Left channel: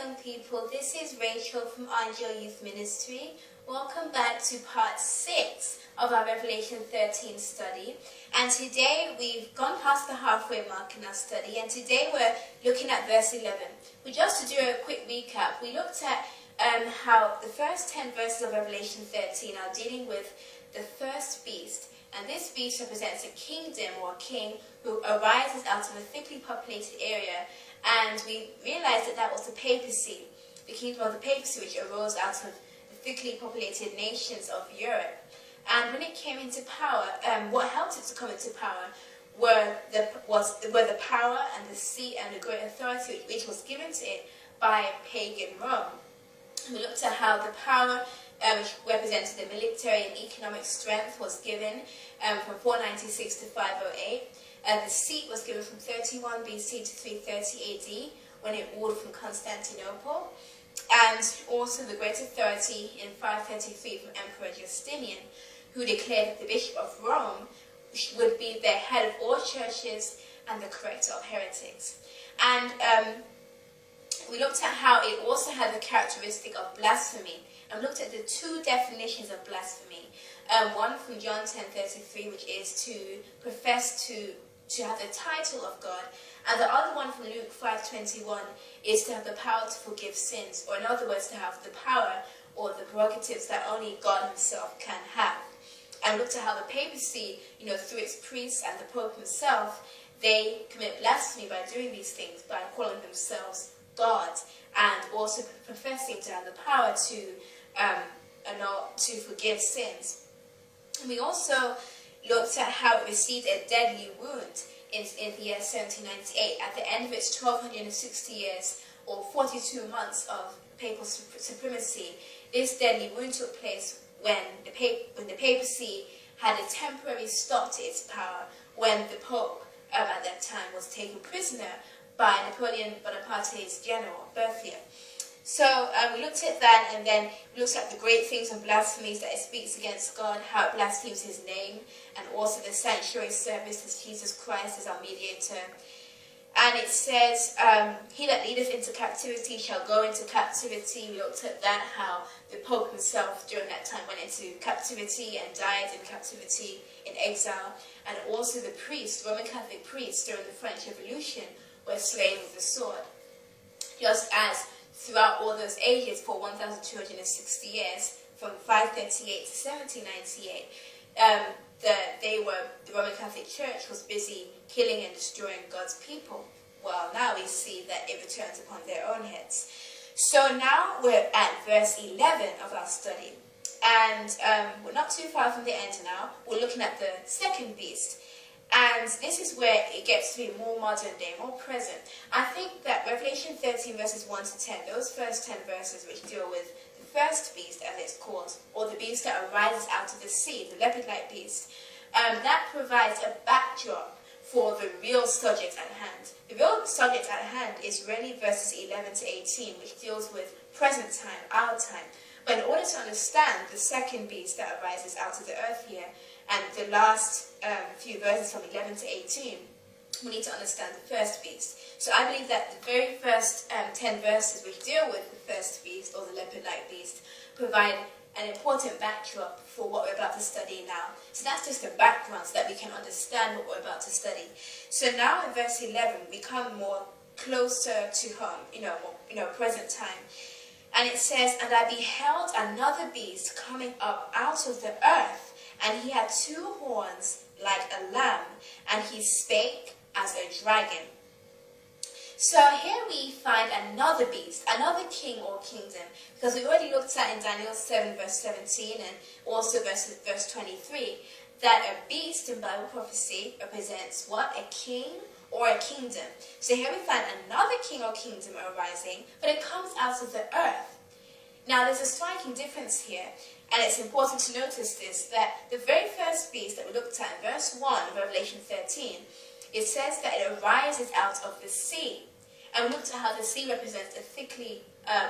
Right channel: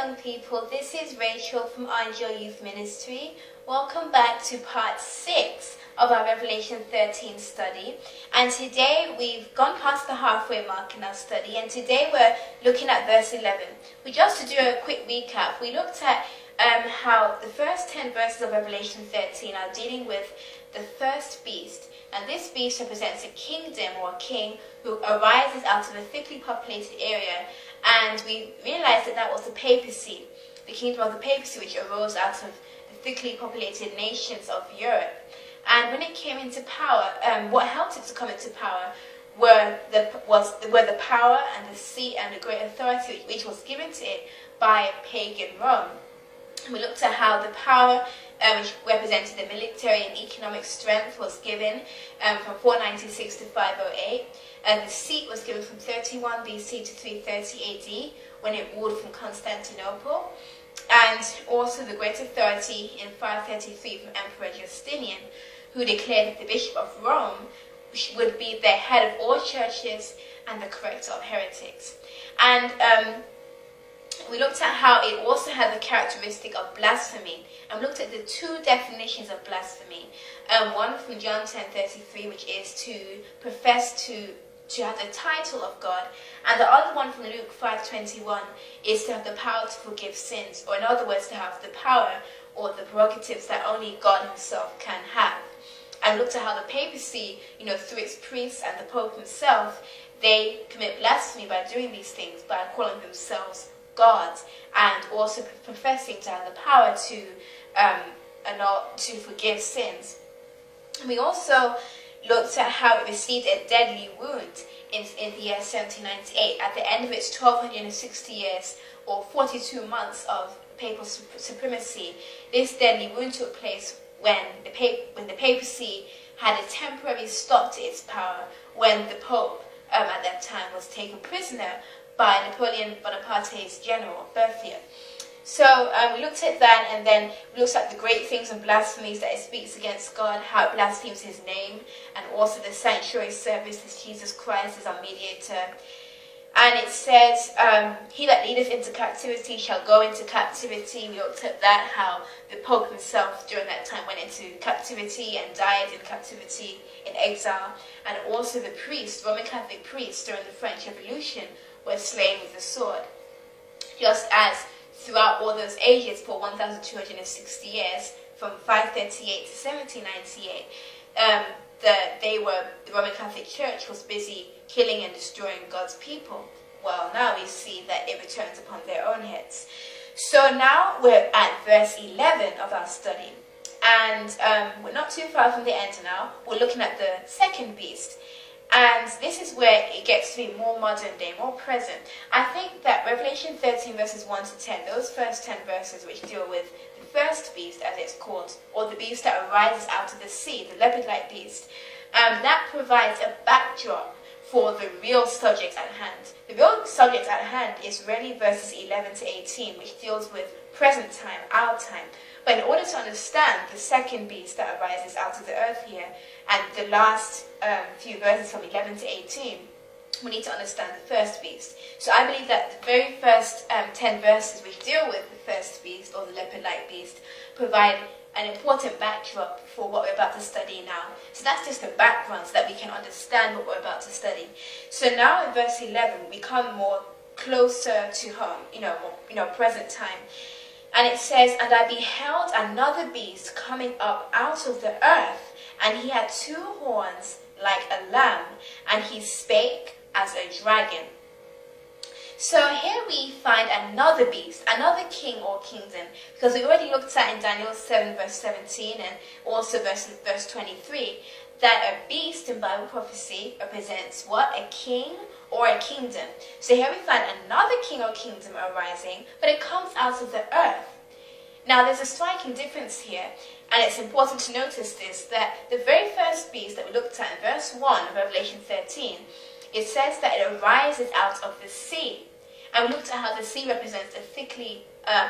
young people, this is Rachel from Angel Youth Ministry. Welcome back to part 6 of our Revelation 13 study. And today we've gone past the halfway mark in our study, and today we're looking at verse 11. Just to do a quick recap, we looked at how the first 10 verses of Revelation 13 are dealing with the first beast. And this beast represents a kingdom or a king who arises out of a thickly populated area. And we realized that that was the papacy, the kingdom of the papacy, which arose out of the thickly populated nations of Europe. And when it came into power, what helped it to come into power were the power and the seat and the great authority which was given to it by pagan Rome. We looked at how the power, which represented the military and economic strength, was given from 496 to 508. The seat was given from 31 BC to 330 AD, when it ruled from Constantinople. And also the great authority in 533 from Emperor Justinian, who declared that the Bishop of Rome would be the head of all churches and the corrector of heretics. And we looked at how it also had the characteristic of blasphemy, and we looked at the two definitions of blasphemy. One from John 10:33, which is to profess to have the title of God, and the other one from Luke 5:21 is to have the power to forgive sins, or in other words, to have the power or the prerogatives that only God himself can have. And we looked at how the papacy, through its priests and the Pope himself, they commit blasphemy by doing these things, by calling themselves God, and also professing to have the power to forgive sins. We also looked at how it received a deadly wound in the year 1798. At the end of its 1260 years, or 42 months of papal supremacy, this deadly wound took place when the papacy had a temporary stop to its power, when the Pope at that time was taken prisoner by Napoleon Bonaparte's general, Berthier. So we looked at that, and then we looked at the great things and blasphemies that it speaks against God, how it blasphemes his name, and also the sanctuary service as Jesus Christ is our mediator. And it says, he that leadeth into captivity shall go into captivity. We looked at that, how the Pope himself during that time went into captivity and died in captivity in exile. And also the priests, Roman Catholic priests during the French Revolution, were slain with the sword. Just as throughout all those ages for 1,260 years, from 538 to 1798, the Roman Catholic Church was busy killing and destroying God's people. Well, now we see that it returns upon their own heads. So now we're at verse 11 of our study, and we're not too far from the end now. We're looking at the second beast. And this is where it gets to be more modern day, more present. I think that Revelation 13 verses 1 to 10, those first 10 verses which deal with the first beast, as it's called, or the beast that arises out of the sea, the leopard-like beast, that provides a backdrop for the real subject at hand. The real subject at hand is really verses 11 to 18, which deals with present time, our time. But in order to understand the second beast that arises out of the earth here, and the last few verses from 11 to 18, we need to understand the first beast. So I believe that the very first 10 verses which deal with the first beast, or the leopard-like beast, provide an important backdrop for what we're about to study now. So that's just the background so that we can understand what we're about to study. So now in verse 11, we come more closer to home, present time. And it says, and I beheld another beast coming up out of the earth, and he had 2 horns like a lamb, and he spake as a dragon. So here we find another beast, another king or kingdom, because we already looked at in Daniel 7 verse 17 and also verse 23, that a beast in Bible prophecy represents what? A king or a kingdom. So here we find another king or kingdom arising, but it comes out of the earth. Now there's a striking difference here, and it's important to notice this, that the very first beast that we looked at in verse 1 of Revelation 13, it says that it arises out of the sea. And we looked at how the sea represents a thickly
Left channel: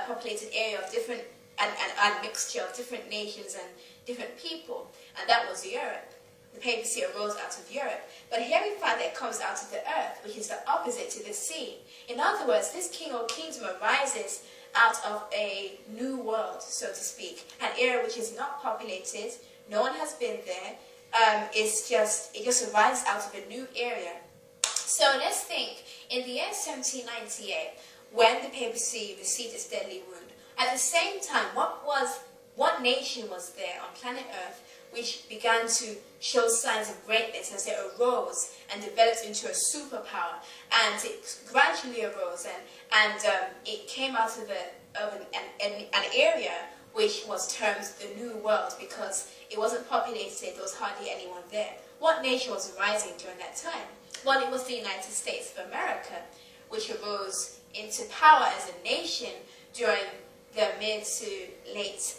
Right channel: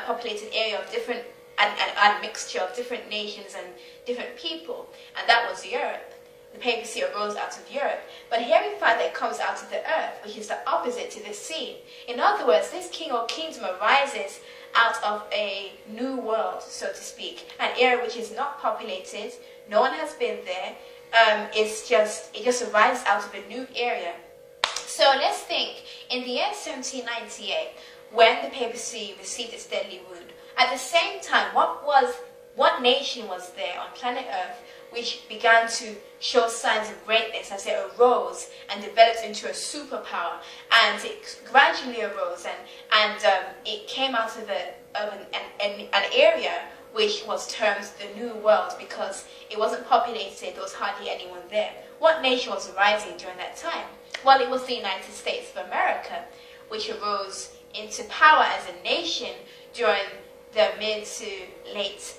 populated area of different, and mixture of different nations and different people, and that was Europe. The papacy arose out of Europe. But here we find that it comes out of the earth, which is the opposite to the sea. In other words, this king or kingdom arises out of a new world, so to speak, an area which is not populated, no one has been there. It just arises out of a new area. So let's think, in the year 1798, when the papacy received its deadly wound, at the same time, what nation was there on planet Earth which began to show signs of greatness as it arose and developed into a superpower, and it gradually arose and it came out of an area which was termed the New World because it wasn't populated, there was hardly anyone there. What nation was rising during that time? Well, it was the United States of America, which arose into power as a nation during the mid to late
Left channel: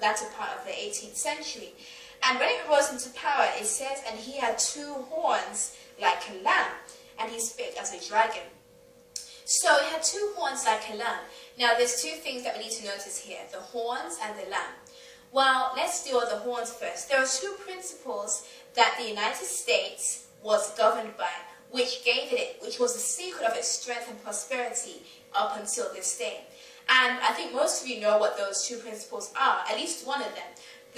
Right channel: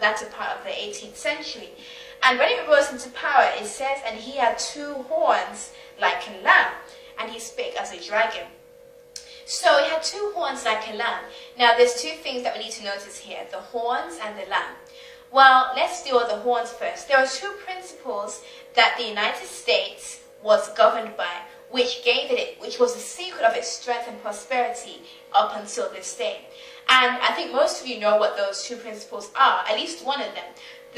latter part of the 18th century. And when it rose into power, it says, and he had two horns like a lamb, and he spake as a dragon. So he had two horns like a lamb. Now there's two things that we need to notice here, the horns and the lamb. Well, let's deal with the horns first. There are two principles that the United States was governed by, which was the secret of its strength and prosperity up until this day. And I think most of you know what those two principles are, at least one of them.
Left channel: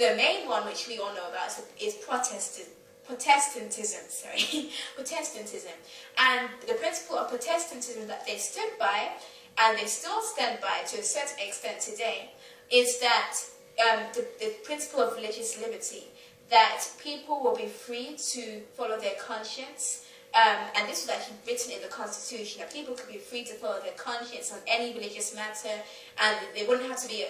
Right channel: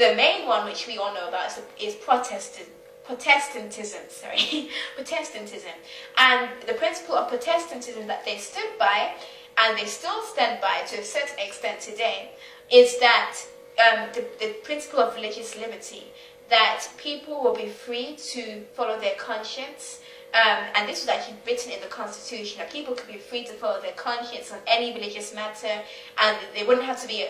The main one, which we all know about, is Protestantism. Protestantism. And the principle of Protestantism that they stood by, and they still stand by to a certain extent today, is that the principle of religious liberty, that people will be free to follow their conscience. And this was actually written in the Constitution, that people could be free to follow their conscience on any religious matter, and they wouldn't have to be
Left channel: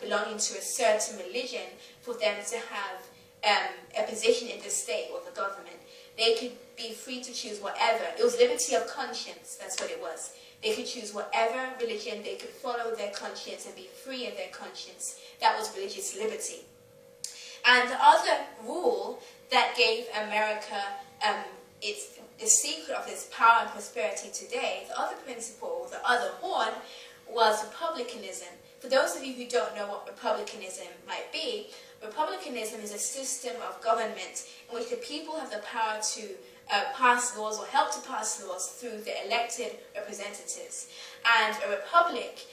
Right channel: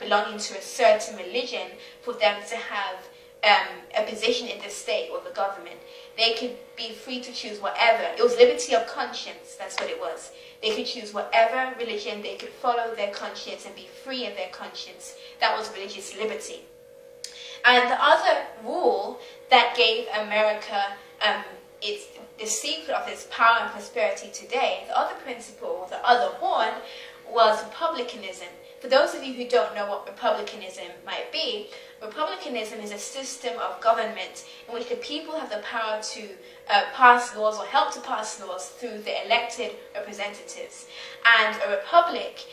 belonging to a certain religion for them to have a position in the state or the government. They could be free to choose whatever. It was liberty of conscience, that's what it was. They could choose whatever religion, they could follow their conscience and be free of their conscience. That was religious liberty. And the other rule that gave America the secret of its power and prosperity today, the other principle, the other horn, was republicanism. For those of you who don't know what republicanism might be, republicanism is a system of government in which the people have the power to pass laws or help to pass laws through the elected representatives. And a republic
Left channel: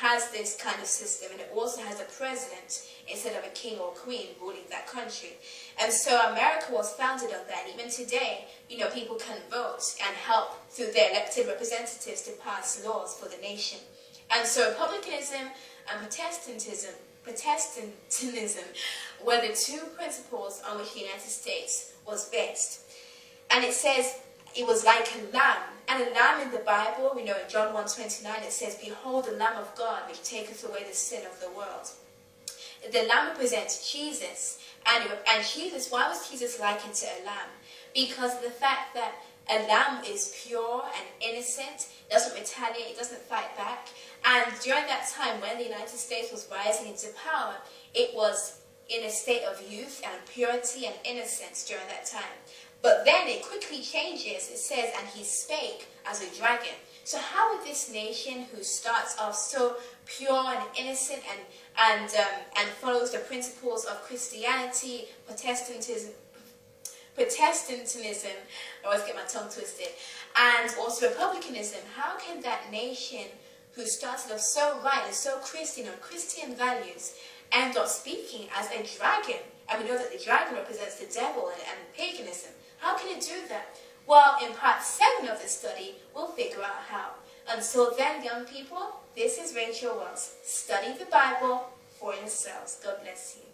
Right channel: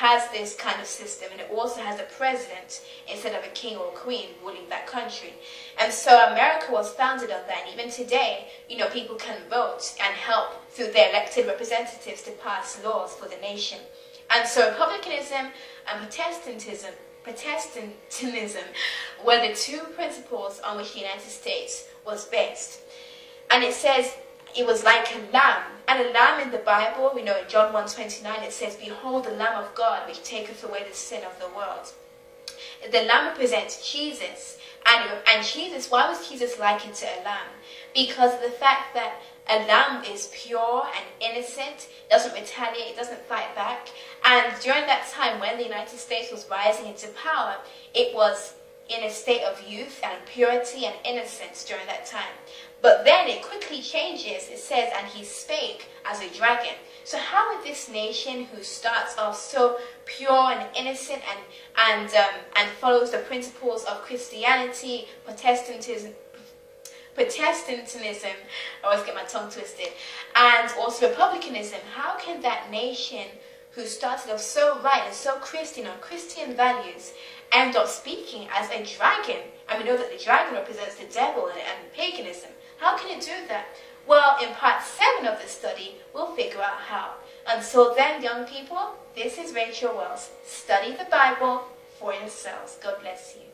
has this kind of system, and it also has a president instead of a king or a queen ruling that country. And so America was founded on that. And even today, people can vote and help through their elected representatives to pass laws for the nation. And so republicanism and Protestantism were the two principles on which the United States was based. And it says it was like a lamb. And a lamb in the Bible, we know in John 1:29, it says, "Behold the Lamb of God, which taketh away the sin of the world." The lamb represents Jesus. And Jesus, why was Jesus likened to a lamb? Because of the fact that a lamb is pure and innocent, doesn't retaliate, doesn't fight back. And during that time when the United States was rising into power, it was in a state of youth and purity and innocence during that time. But then it quickly changes. It says, and he spake as a dragon. So how would this nation, who starts off so pure and innocent and follows the principles of Christianity, Protestantism, I always get my tongue twisted, and also republicanism, how can that nation who started off so right and so Christian on Christian values end up speaking as a dragon? And we know that the dragon represents the devil and paganism. How can it do that? Well, in part 7 of the study, we'll figure out how. Until then, young people, this is Rachel Wells. Study the Bible for yourselves. God bless you.